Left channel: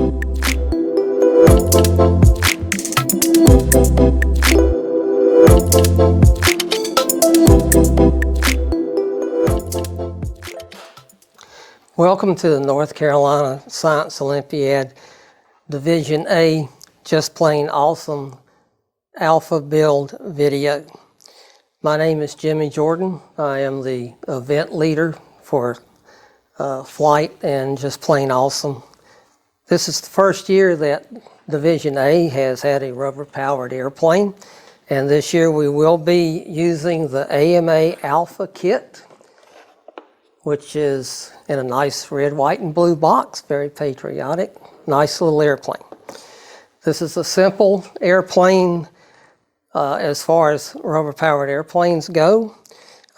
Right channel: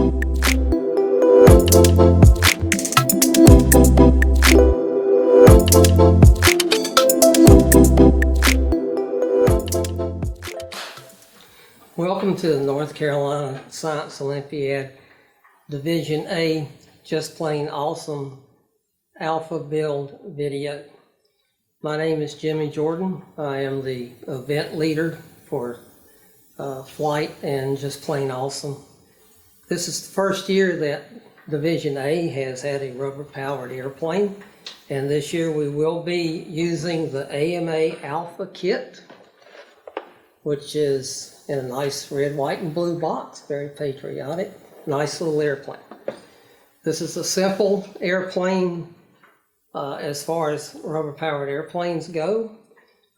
Welcome to the North Carolina Science Olympiad Division A Just Plain Awesome Alpha Build video. My name is Jimmy Jordan. I am the event leader for flight and Just Plain Awesome. This is the first year that Division A has had a rubber-powered airplane, and this year we will be using the AMA Alpha kit, which is in a nice red, white, and blue box, very patriotic, nice little airplane. This is a simple airplane as far as rubber-powered airplanes go.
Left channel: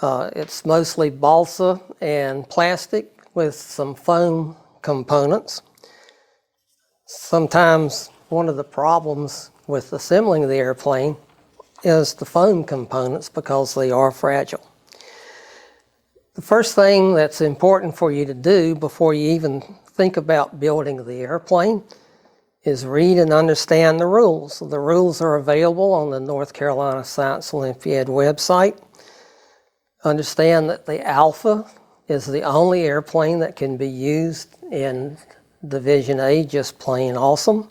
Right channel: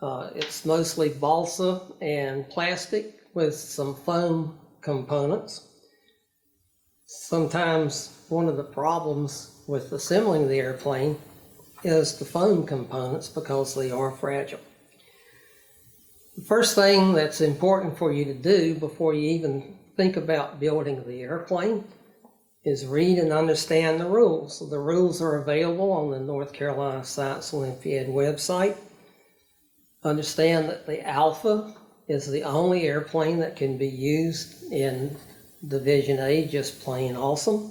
It's mostly balsa and plastic with some foam components. Sometimes one of the problems with assembling the airplane is the foam components because they are fragile. The first thing that's important for you to do before you even think about building the airplane is read and understand the rules. The rules are available on the North Carolina Science Olympiad website. Understand that the Alpha is the only airplane that can be used in Division A, Just Plain Awesome.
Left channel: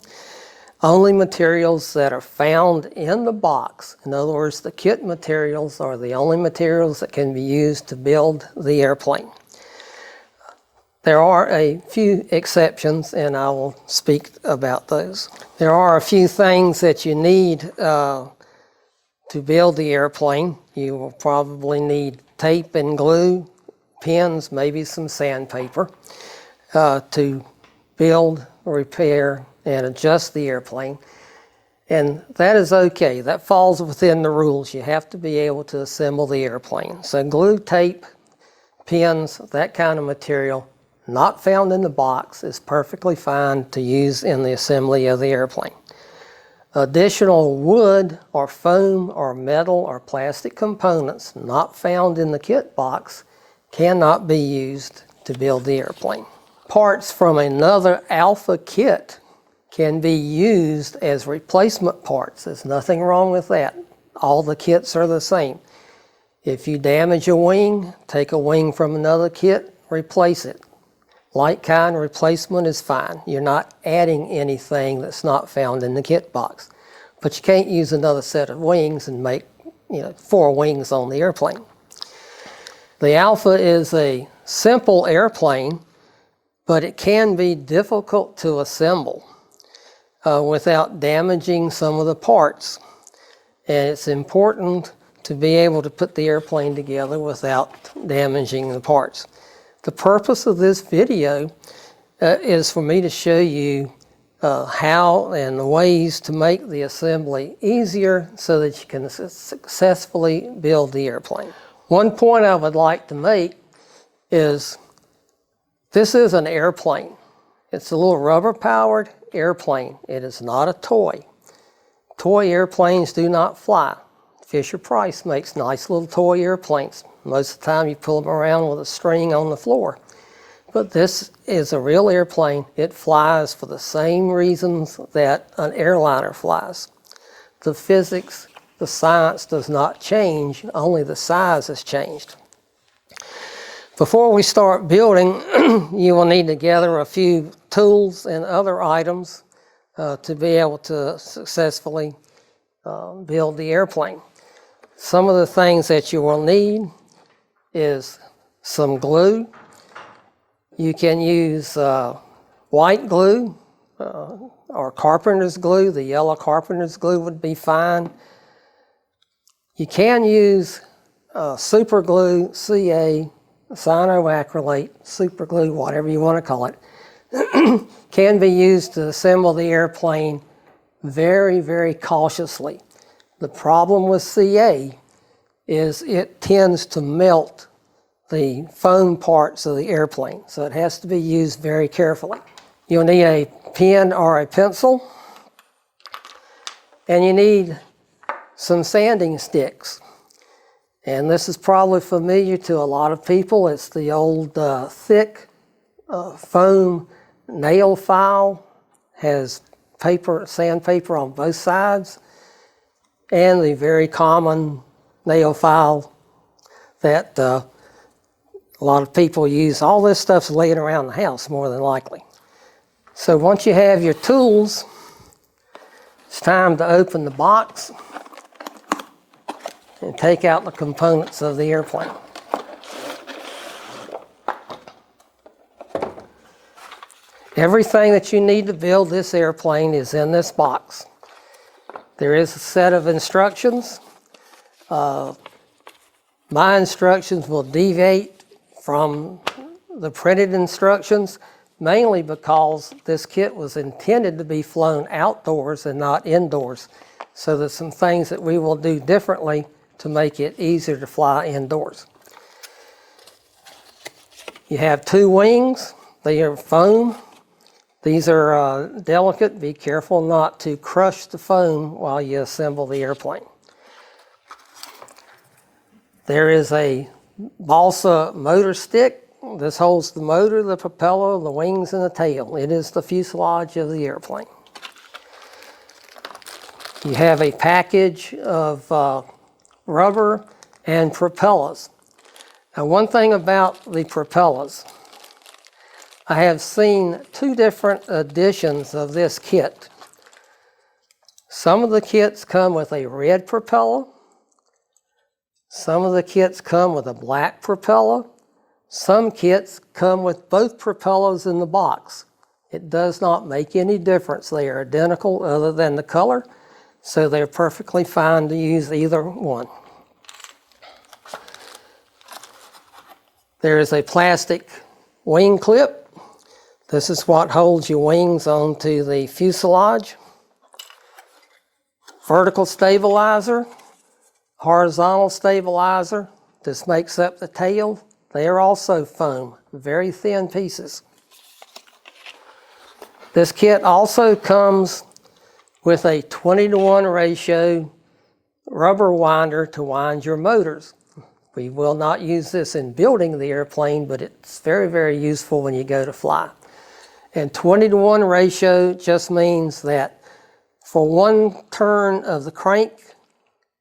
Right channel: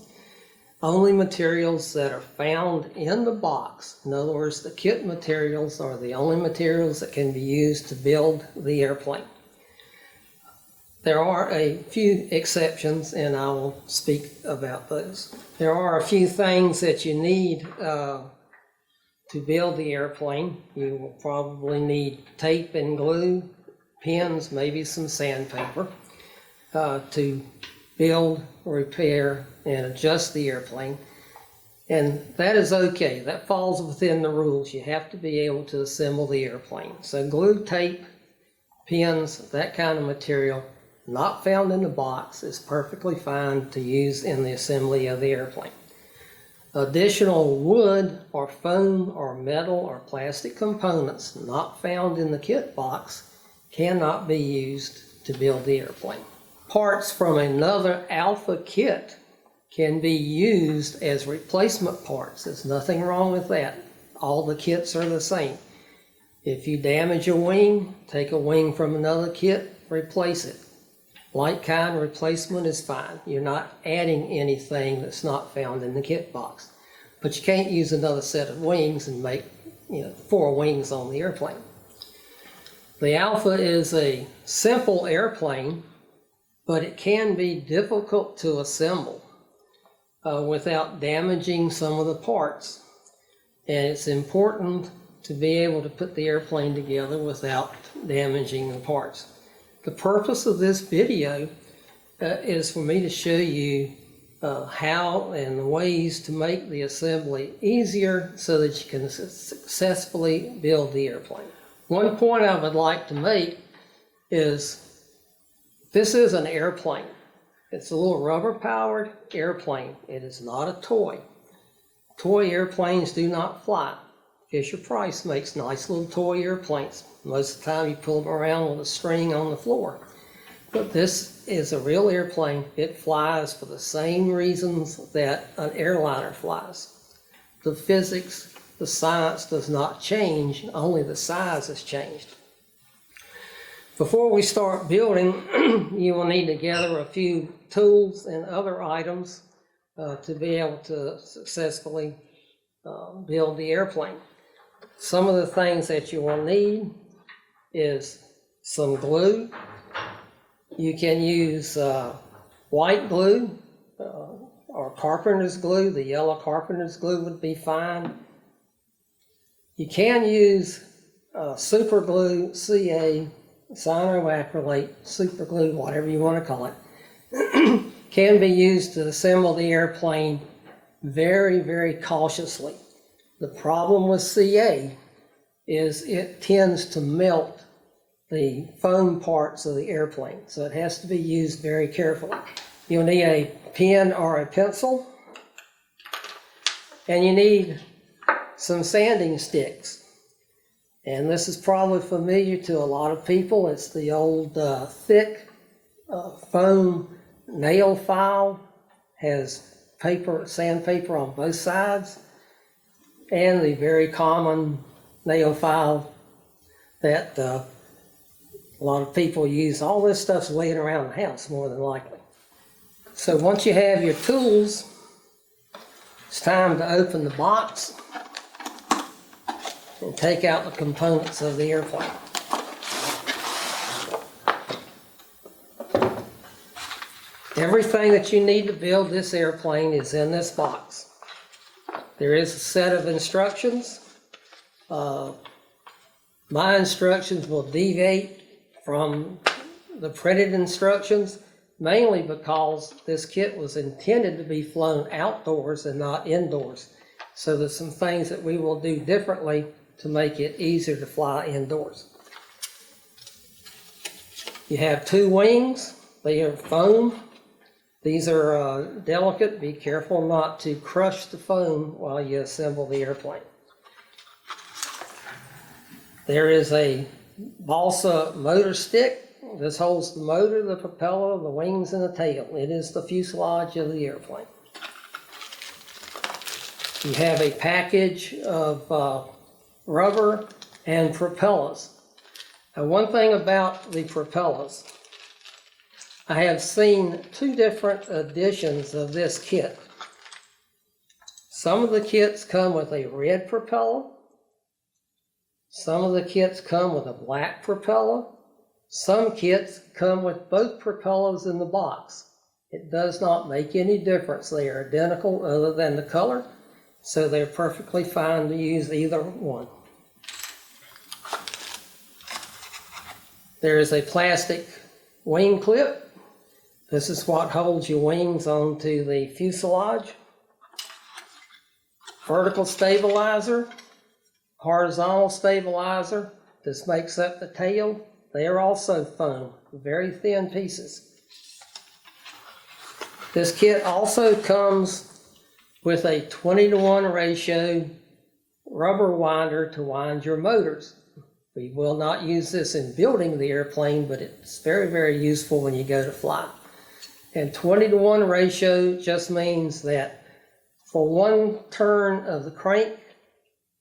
Only materials that are found in the box, in other words, the kit materials, are the only materials that can be used to build the airplane. There are a few exceptions, and I will speak about those. There are a few things that you need to build the airplane. You will probably need tape and glue, pins, maybe some sandpaper to build, repair, and adjust the airplane. And that is okay. That falls within the rules. You have to be able to assemble the airplane. So glue, tape, pins, that kind of material, not found in the box, is perfectly fine to use in the assembly of the airplane. Additional wood or foam or metal or plastic components not found in the kit box cannot be used to build the airplane. Parts from another Alpha kit can be used as replacement parts. There's nothing wrong with that. All the kits are the same. If you damage a wing, take a wing from another kit, replace it. Like kind replacement is fine. You're not adding anything that's not found in the kit box. But you can't use another set of wings and make 4 wings on the airplane. The Alpha is a simple airplane, but it can be difficult to assemble without damaging some of the parts. And it's important to be able to put the airplane together without damaging the parts. The purpose of this video is for me to show you how and the ways to make the assembly easier so that you can successfully build the airplane. One point I would like to make is this is an airplane. It's a little rubber-powered airplane. It is not a toy. Toy airplanes do not fly. Fisher-Price makes nice little toy airplanes. Most of the time you pull them around with a string on the floor. But this is a real airplane. It flies for the same reasons that an airliner flies. The physics, the science does not change, only the size has changed. Before we start building, you will need to gather a few tools and other items to be able to successfully build the airplane. Some of the things that you will need is some glue. You can use white glue or carpenter's glue. The yellow carpenter's glue would be fine. You can use super glue, CA, cyanoacrylate, super glue, whatever you want to call it, can be used to assemble the airplane very, very cautiously. The problem with CA is it tends to melt the foam parts of the airplane, so it has to be used very carefully. You'll need a pen or a pencil, and you need some sanding sticks. And this is probably familiar to a lot of people. It's the old thick foam nail file has sandpaper on both sides, and the very common nail file that a lot of people use. All this stuff's laying around the house more than likely. So once you have your tools, it's time to open the box and take out the components of the airplane. Everything that you need to build this airplane is in this box. There is a set of instructions. My instructions will deviate from the printed instructions, mainly because this kit was intended to be flown outdoors and not indoors. So there's some things that we will do differently to make it easier to fly indoors. You have two wings. They are foam. These are delicate. Be careful not to crush the foam while you assemble the airplane. There is a balsa motor stick. This holds the motor, the propeller, the wings, and the tail. It is the fuselage of the airplane. You have a package of rubber and propellers. Now, one thing about the propellers, I have seen two different editions of this kit. Some of the kits come with a red propeller. Some of the kits come with a black propeller. Some kits come with both propellers in the box. It does not make any difference. They are identical other than the color, so they're perfectly fine to use either one. There is a plastic wing clip. This is what holds your wings onto the fuselage. Vertical stabilizer, horizontal stabilizer. This makes up the tail. They are also foam, very thin pieces. This kit also comes with a 20-to-1 ratio rubber winder to wind your motors. We will not use this in building the airplane, but it's very, very useful when you go to fly. And 20-to-1 ratio just means that for one turn of the crank,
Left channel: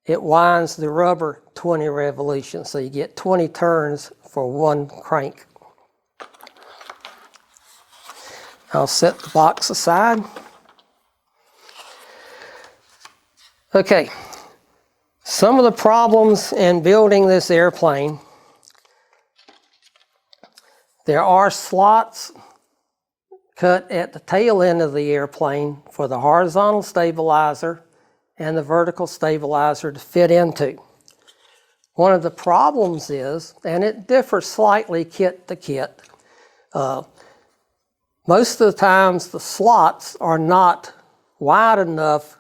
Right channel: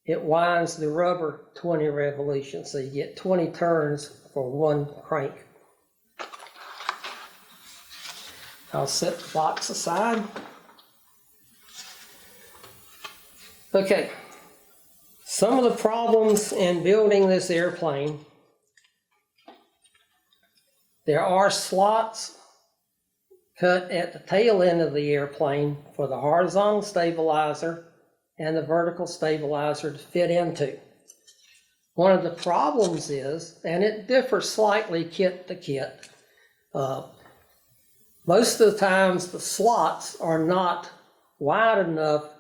it winds the rubber 20 revolutions. So you get 20 turns for one crank. I'll set the box aside. Okay, some of the problems in building this airplane, there are slots cut at the tail end of the airplane for the horizontal stabilizer and the vertical stabilizer to fit into. One of the problems is, and it differs slightly kit to kit, most of the times the slots are not wide enough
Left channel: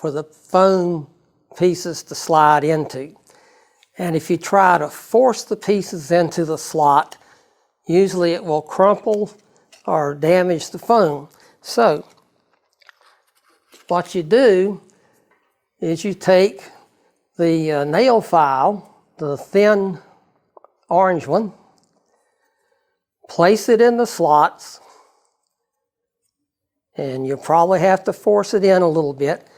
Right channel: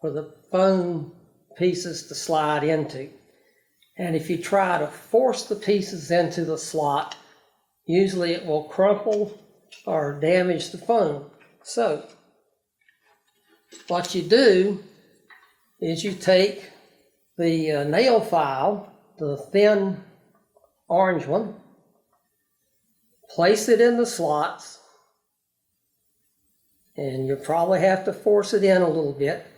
for the foam pieces to slide into. And if you try to force the pieces into the slot, usually it will crumple or damage the foam. So what you do is you take the nail file, the thin orange one, place it in the slots, and you probably have to force it in a little bit,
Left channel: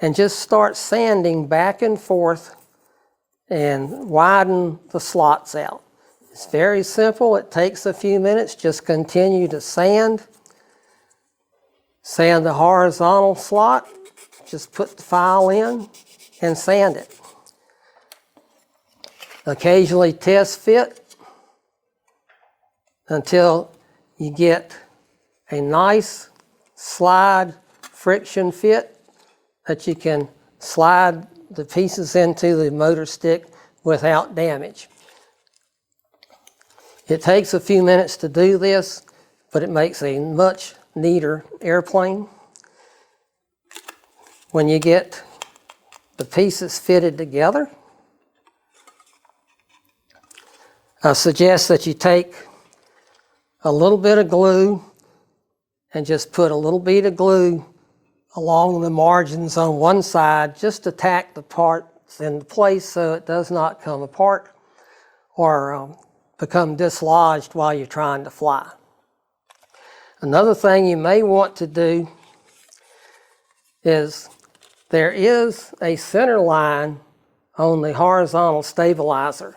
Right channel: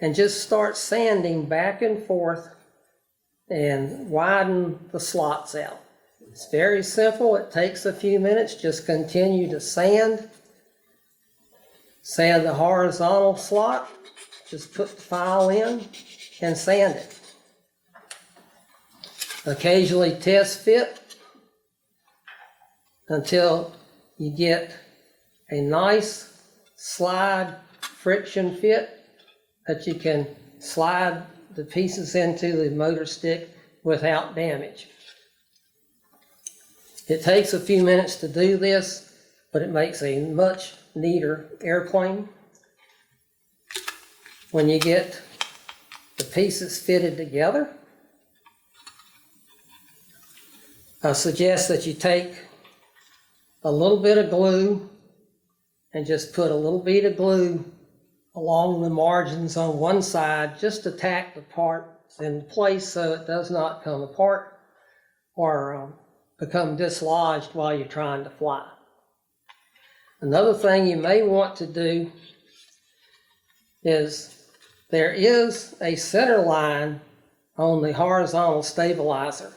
and just start sanding back and forth and widen the slots out. It's very simple. It takes a few minutes. Just continue to sand. Sand the horizontal slot. Just put the file in and sand it. Occasionally test fit until you get a nice slide friction fit that you can slide the pieces into the motor stick without damage. It takes a few minutes to do this, but it makes a much neater airplane. When you get the pieces fitted together, I suggest that you take a little bit of glue and just put a little bit of glue along the margins on one side just to tack the parts into place so it does not come apart or become dislodged while you're trying to fly. Another thing you may want to do is there is a center line on the horizontal stabilizer.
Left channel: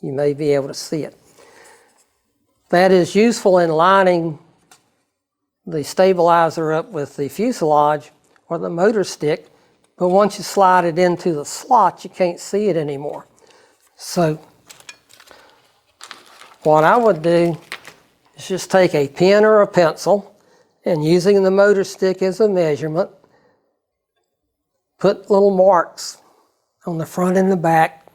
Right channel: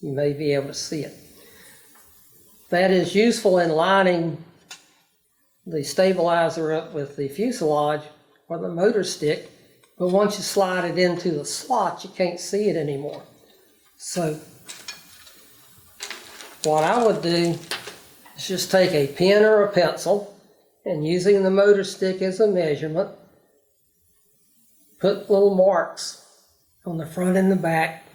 You may be able to see it. That is useful in lining the stabilizer up with the fuselage or the motor stick, but once you slide it into the slot, you can't see it anymore. So what I would do is just take a pen or a pencil, and using the motor stick as a measurement, put little marks on the front and the back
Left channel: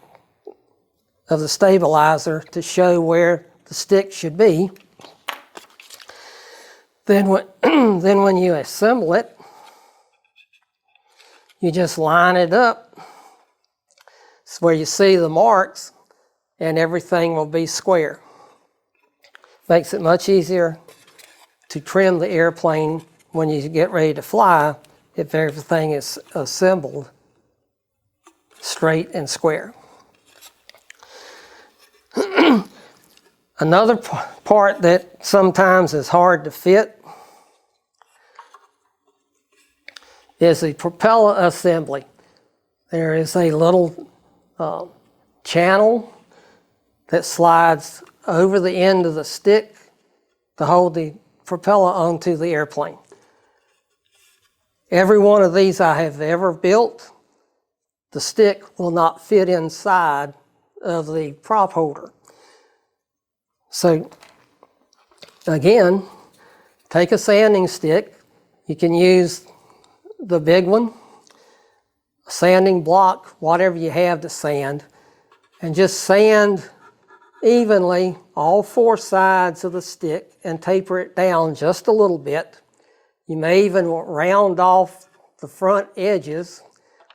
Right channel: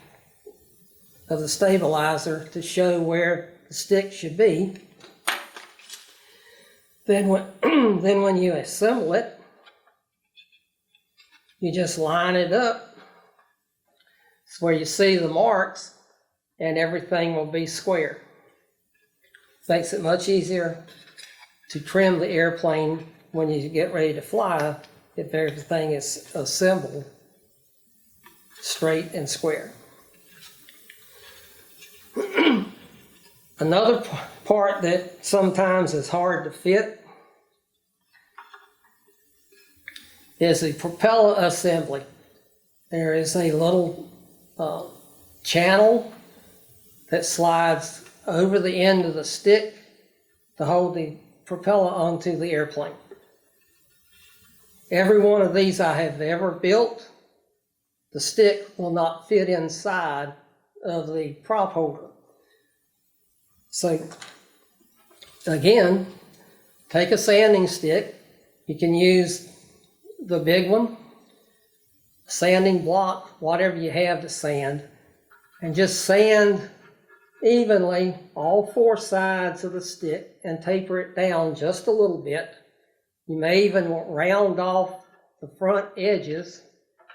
of the stabilizer to show where the stick should be. Then when you assemble it, you just line it up. It's where you see the marks, and everything will be square. Makes it much easier to trim the airplane when you get ready to fly if everything is assembled straight and square. Another part that sometimes is hard to fit is the propeller assembly. There is a little channel that slides over the end of the stick to hold the propeller onto the airplane. Every one of these I have ever built, the stick will not fit inside of the prop holder. So again, take a sanding stick. You can use the big one, a sanding block, whatever you have to sand, and just sand evenly all four sides of the stick and taper it down just a little bit. You may even round off the front edges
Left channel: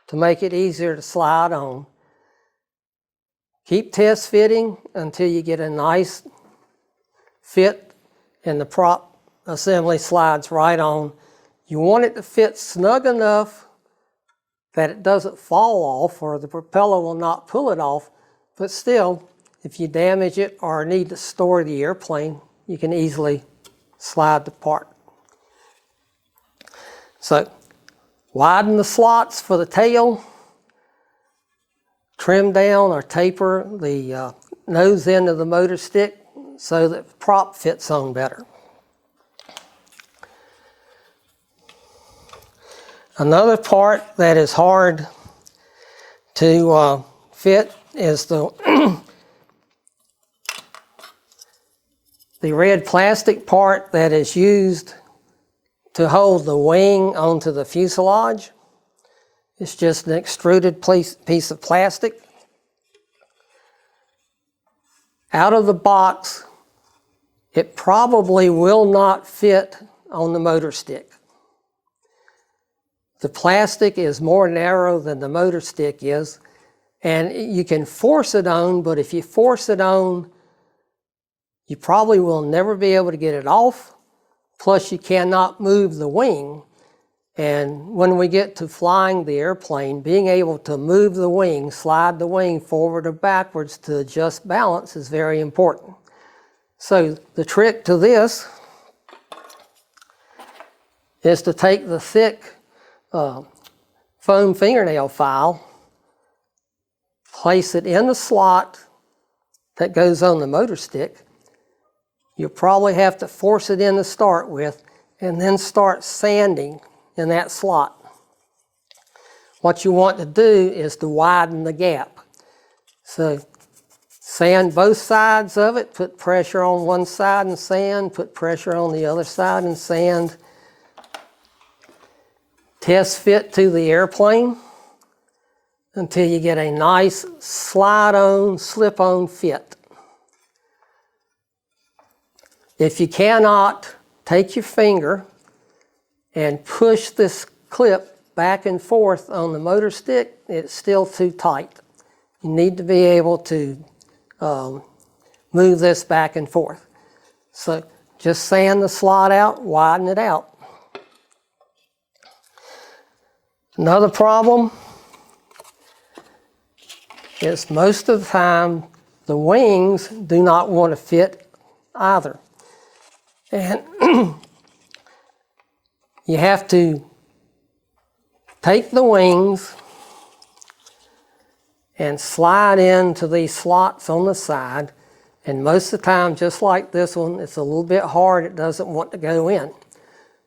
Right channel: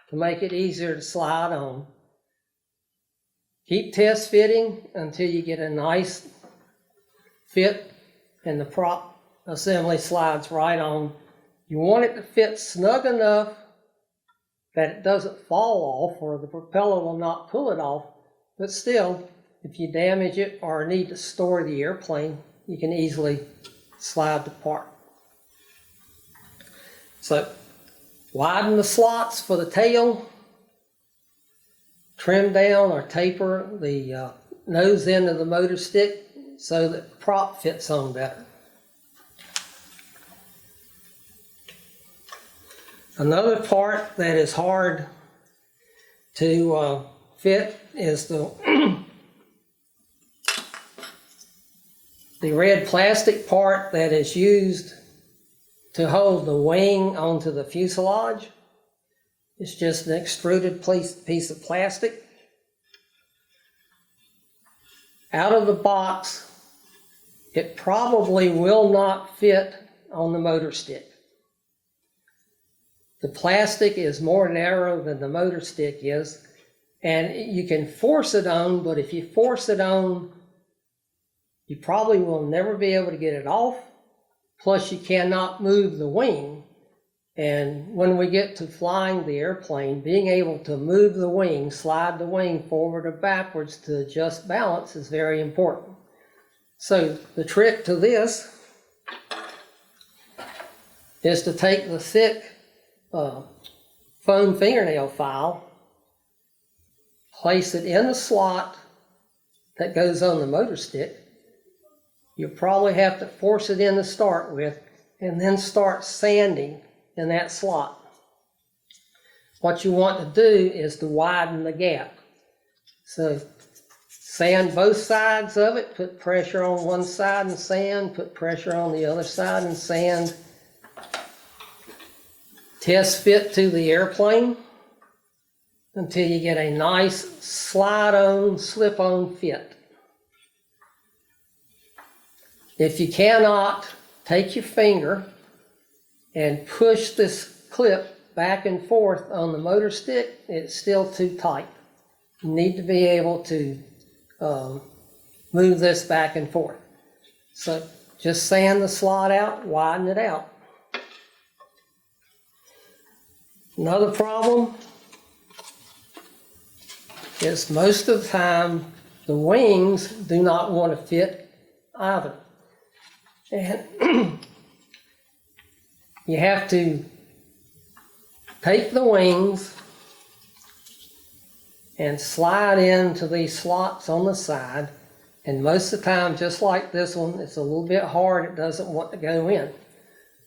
to make it easier to slide on. Keep test fitting until you get a nice fit and the prop assembly slides right on. You want it to fit snug enough that it doesn't fall off or the propeller will not pull it off, but still, if you damage it or need to store the airplane, you can easily slide the part. So, widen the slots for the tail, trim down or taper the nose end of the motor stick so that the prop fits on better. Another part that is hard to fit is the red plastic part that is used to hold the wing onto the fuselage. It's just an extruded piece of plastic. Out of the box, it probably will not fit on the motor stick. The plastic is more narrow than the motor stick is, and you can force it on, but if you force it on, you probably will never be able to get it off, plus you cannot move the wing. And when we get to flying the airplane, being able to move the wing, slide the wing forward or backwards to adjust balance is very important. So the trick to this is to take the thick foam fingernail file, place it in the slot that goes on the motor stick. You'll probably have to force it in to start with, and then start sanding in that slot. What you want to do is to widen the gap. So sand both sides of it, put pressure on one side and sand, put pressure on the other side and sand. Test fit to the airplane until you get a nice slide-on, slip-on fit. If you cannot, take your finger and push this clip back and forth on the motor stick. It's still too tight. You need to be able to move this back and forth. So just sand the slot out, widen it out. Another problem is most of the time the wings do not want to fit either. And you have to take the wings and slide into these slots on the side. And most of the time, just like this one, it's a little bit hard. It doesn't want to go in.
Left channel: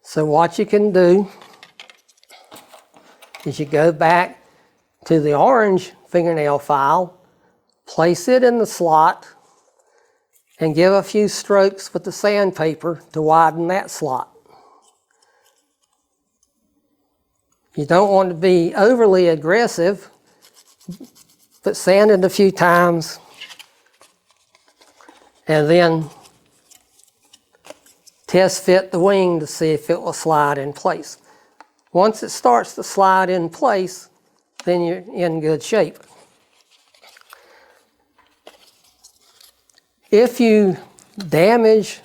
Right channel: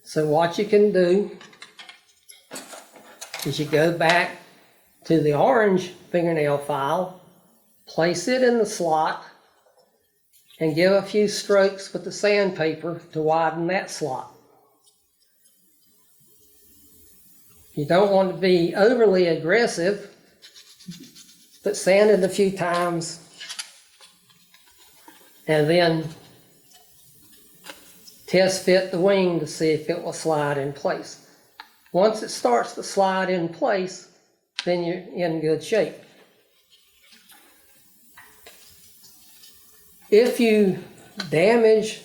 So what you can do is you go back to the orange fingernail file, place it in the slot, and give a few strokes with the sandpaper to widen that slot. You don't want to be overly aggressive, but sand it a few times and then test fit the wing to see if it will slide in place. Once it starts to slide in place, then you're in good shape. If you damage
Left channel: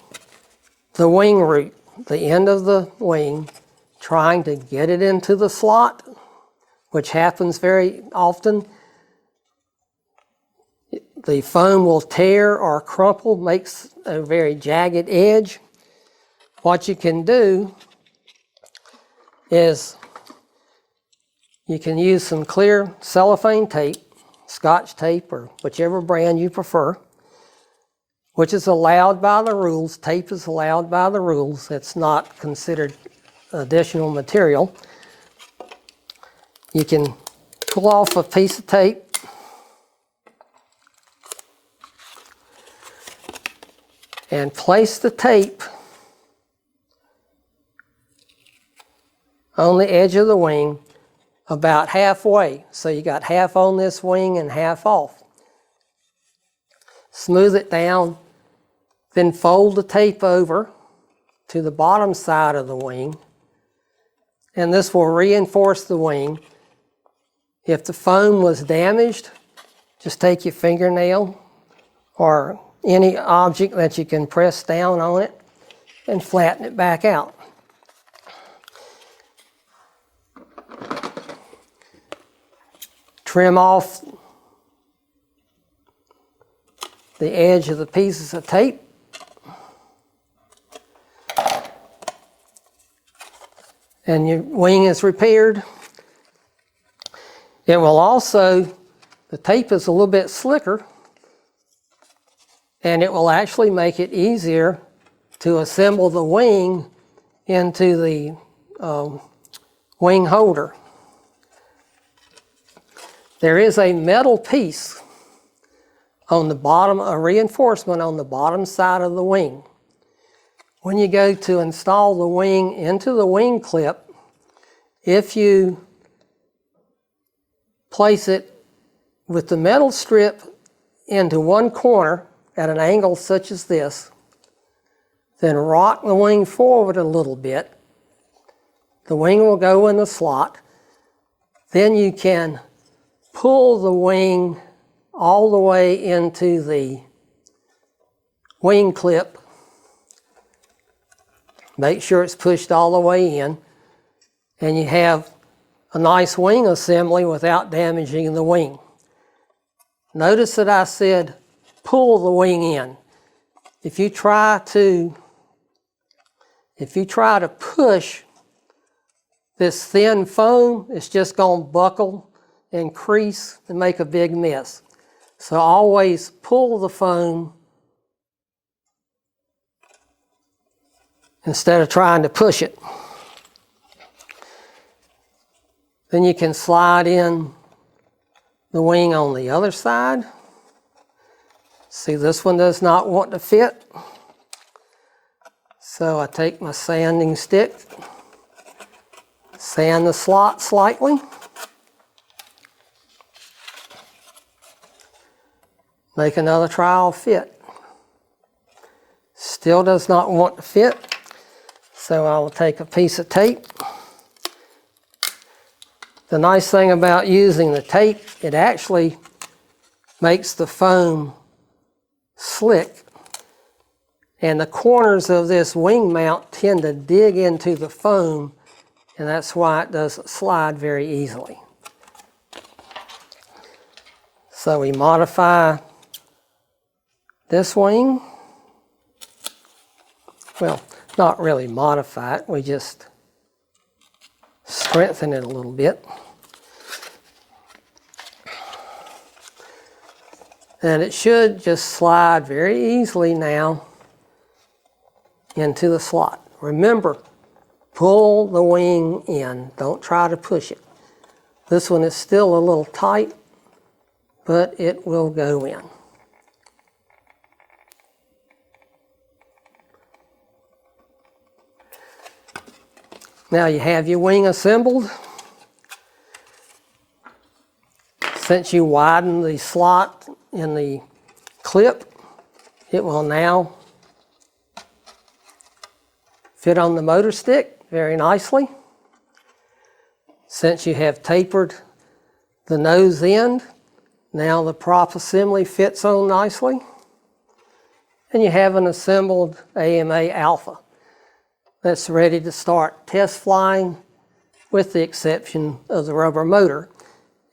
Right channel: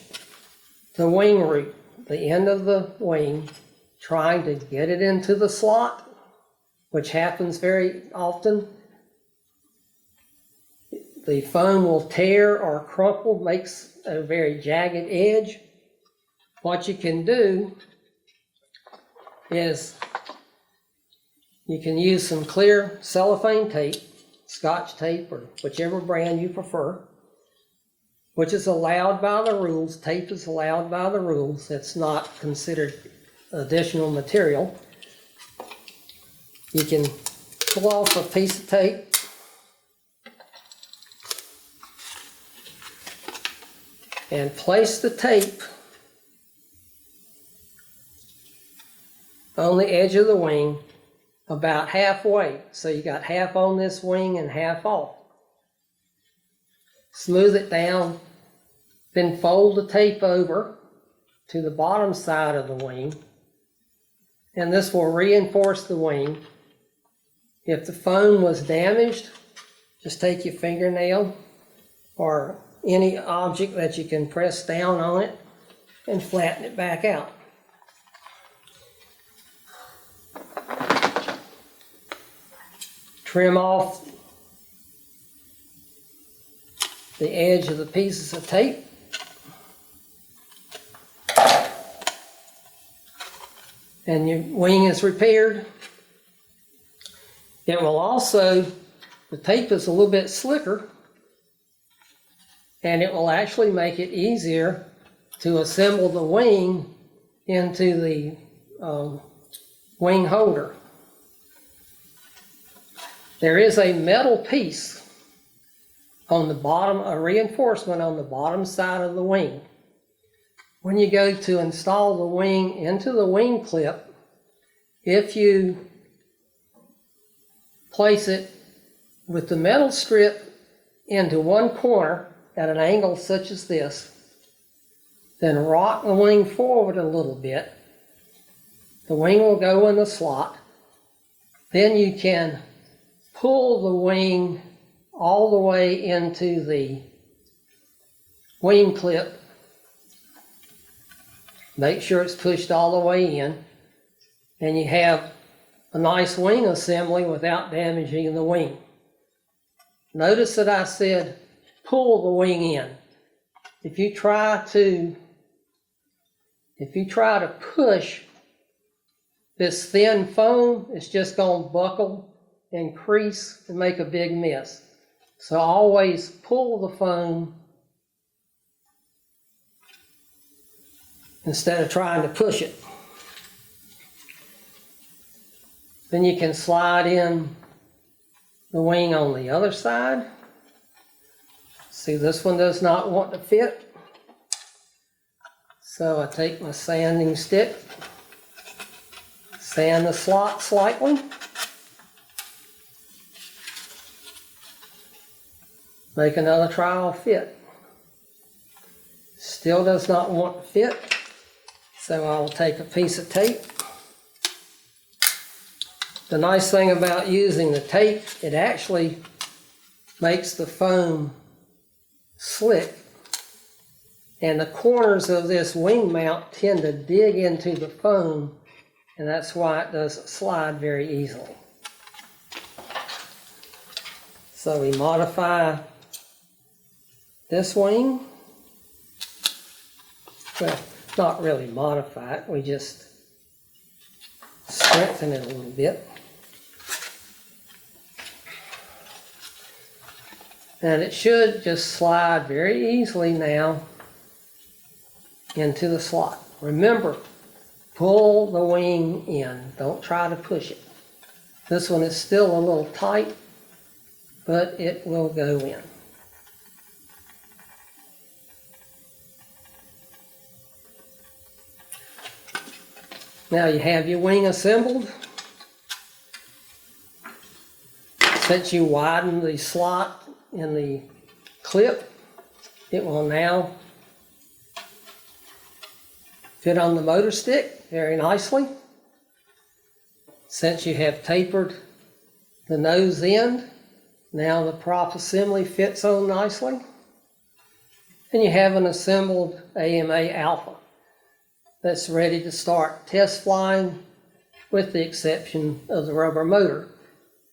the wing root, the end of the wing, trying to get it into the slot, which happens very often, the foam will tear or crumple, makes a very jagged edge. What you can do is you can use some clear cellophane tape, Scotch tape, or whichever brand you prefer, which is allowed by the rules. Tape is allowed by the rules. It's not considered additional material. You can pull off a piece of tape and place the tape on the edge of the wing about halfway. So you got half on this wing and half off. Smooth it down, then fold the tape over to the bottom side of the wing, and this will reinforce the wing. If the foam was damaged, just take your fingernail or any object that you can press down on it and flatten it back out. Trim off the edge of the pieces of tape. And your wing is repaired. It will also, the tape is a little bit slicker, and it will actually make it easier to assemble the wing into the wing holder. There is a metal piece on the bottom, a reinforcement on the bottom side of the wing. When you go to install the wing into the wing clip, if you place it with the metal strip into one corner at an angle such as this, then rock the wing forward a little bit, the wing will go in the slot. Then you can pull the wing all the way into the wing clip. Make sure it's pushed all the way in, and you have a nice wing assembly without damaging the wing. Notice that I said pull the wing in. If you try to push this thin foam, it's just going to buckle and crease and make a big mess. So always pull the foam instead of trying to push it. Then you can slide in the wing on the other side. See, this one does not want to fit. So I take my sanding stick, sand the slot slightly. Make another trial fit. Still does not want to fit. So I will take a piece of tape. The nice thing about using the tape, it actually makes the foam slick. And the corners of this wing mount tend to dig into the foam, and that's why it doesn't slide very easily. So we modify this wing. Well, not really modify it, we just strengthen it a little bit. And it should just slide very easily now into the slot. Remember, pull the wing in, don't try to push it. This one is still a little tight, but it will go in. Now you have your wing assembled. Since you widen the slot in the clip, it will now fit on the motor stick very nicely. Since you have tapered the nose end, now the prop assembly fits on nicely. And you have an assembled AMA Alpha that's ready to start test flying, with the exception of the rubber motor.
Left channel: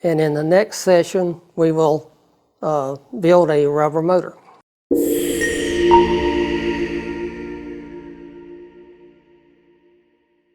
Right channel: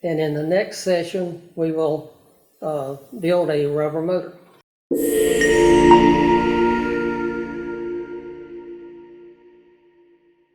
And in the next session, we will build a rubber motor.